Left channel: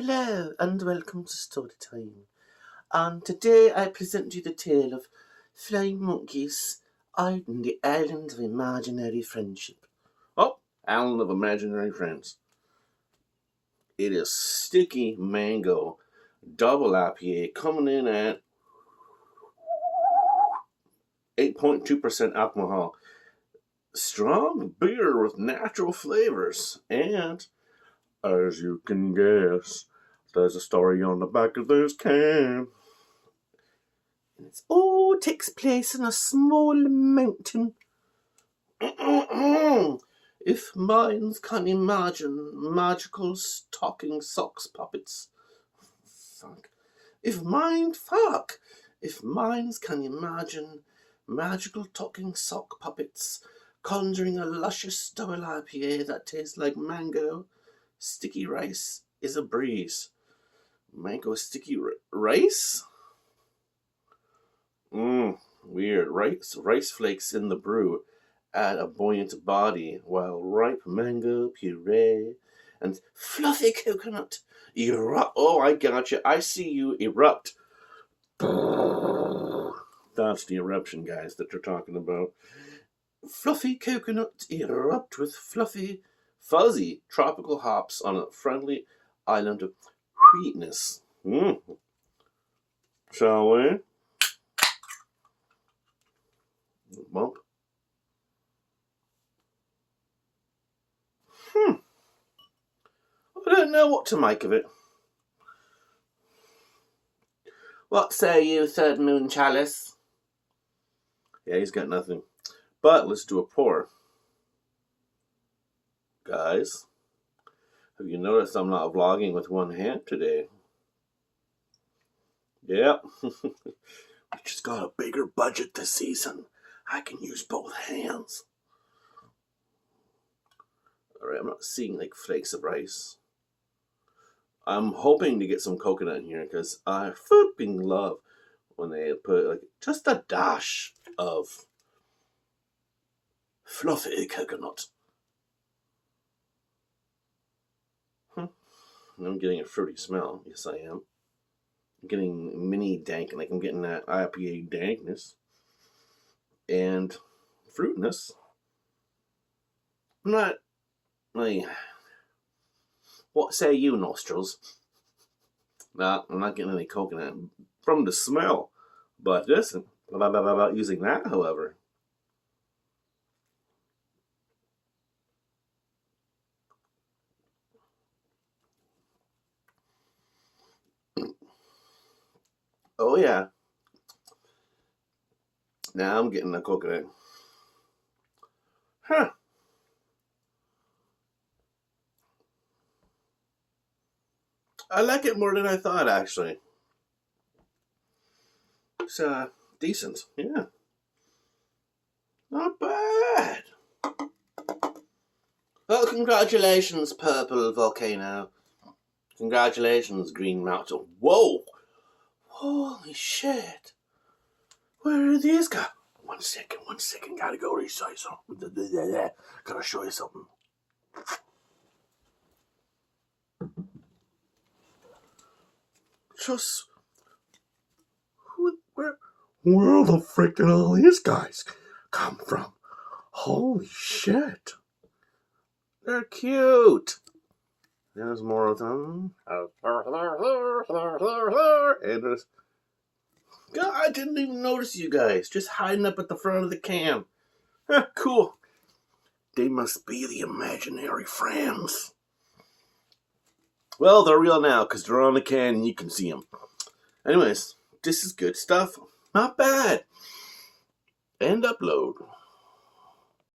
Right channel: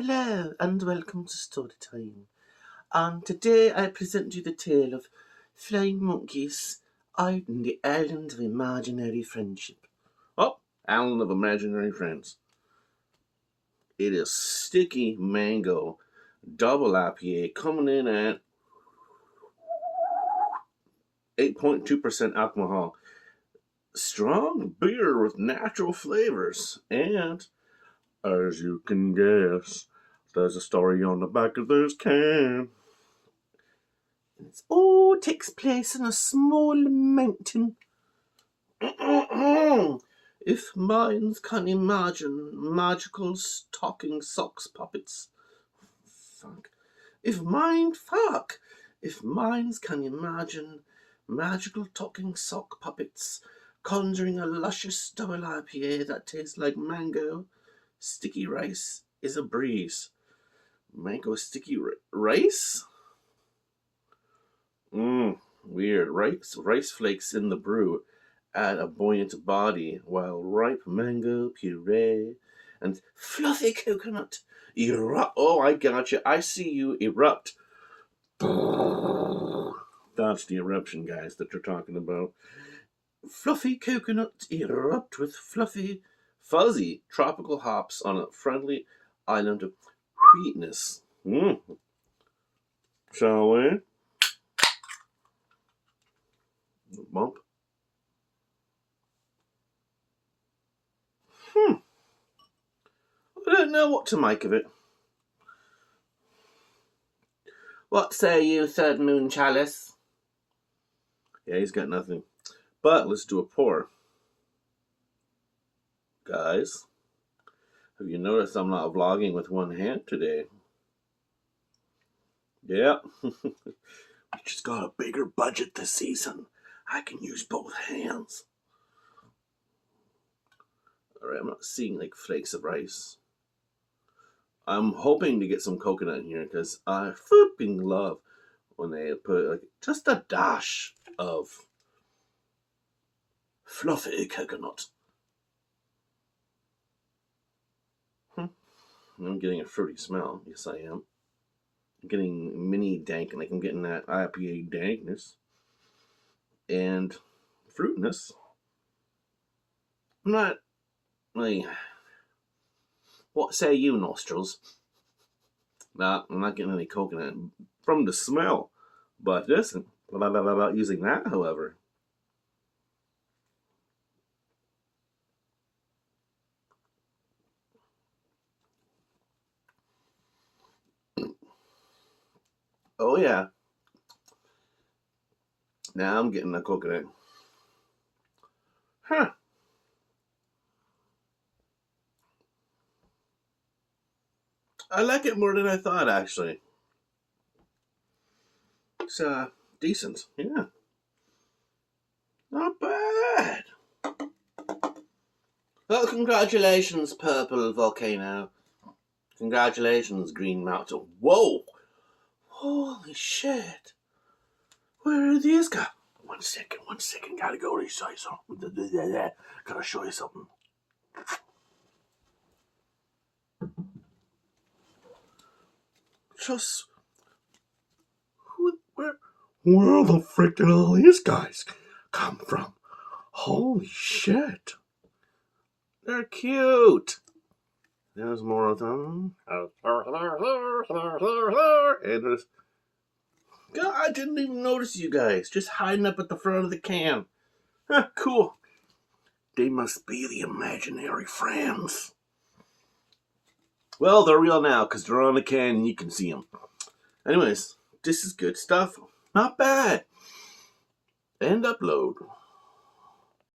Hello and welcome to Story Time. Today I present you the tale of flying monkeys out on the island of imaginary friendship. Oh, island of imaginary friends. It is sticky mango double IPA coming in at 8.2% alcohol. Strong beer with natural flavors. And, as you can guess, there's a story on the back of this can. It all takes place in a small mountain. If minds can imagine magical talking socks puppets. Fuck. If minds can imagine magical talking sock puppets conjuring a luscious double IPA that tastes like mango, sticky rice is a breeze. Mango sticky rice? Weird. Rice flakes in the brew add a buoyant body, while ripe mango puree and fluffy coconut erupt. Oh, I got you. I see you erupt. That's the eruption, guys, that you're talking about. Fluffy coconut erupt with fuzzy tropical hops on a friendly island of sweetness. Shall we? Bump. I don't know what to make of it. What say you, Third Moon Chalice? Yeah, he's got nothing. But let's do a pour. Guys, have you noticed I'm not vlogging with one hand today? Yeah. We just got a bigger budget this season. I can use both hands. Alright, I'm not seeing like flakes of rice. I'm hoping to get some coconut in here because I flipping love when they put like just a dash of fluffy coconut. I'm getting a fruity smell. Yes, I am. I'm getting mini dank, like I'm getting that IPA dankness and fruitness. I'm not like, what say you, nostrils? Nah, I'm not getting any coconut from the smell. But listen, about using that, however. Oh yeah. Now I'm getting the coconut. Huh. I like it more than I thought, actually. It's decent, yeah. Not bad. Well, congratulations, Purple Volcano. Congratulations, Green Mountain. Whoa! Holy shit. Where are these guys? One second. Gotta go resize something. Gotta show you something. Just... Where the frick did all these guys come from? Holy shit. They're cute. There's more of them. And there's... God, I didn't even notice you guys. Just hiding up at the front of the can. Cool. They must be the imaginary friends. Well, they're real now because they're on the can and you can see them. Anyways, this is good stuff. Not bad. End upload.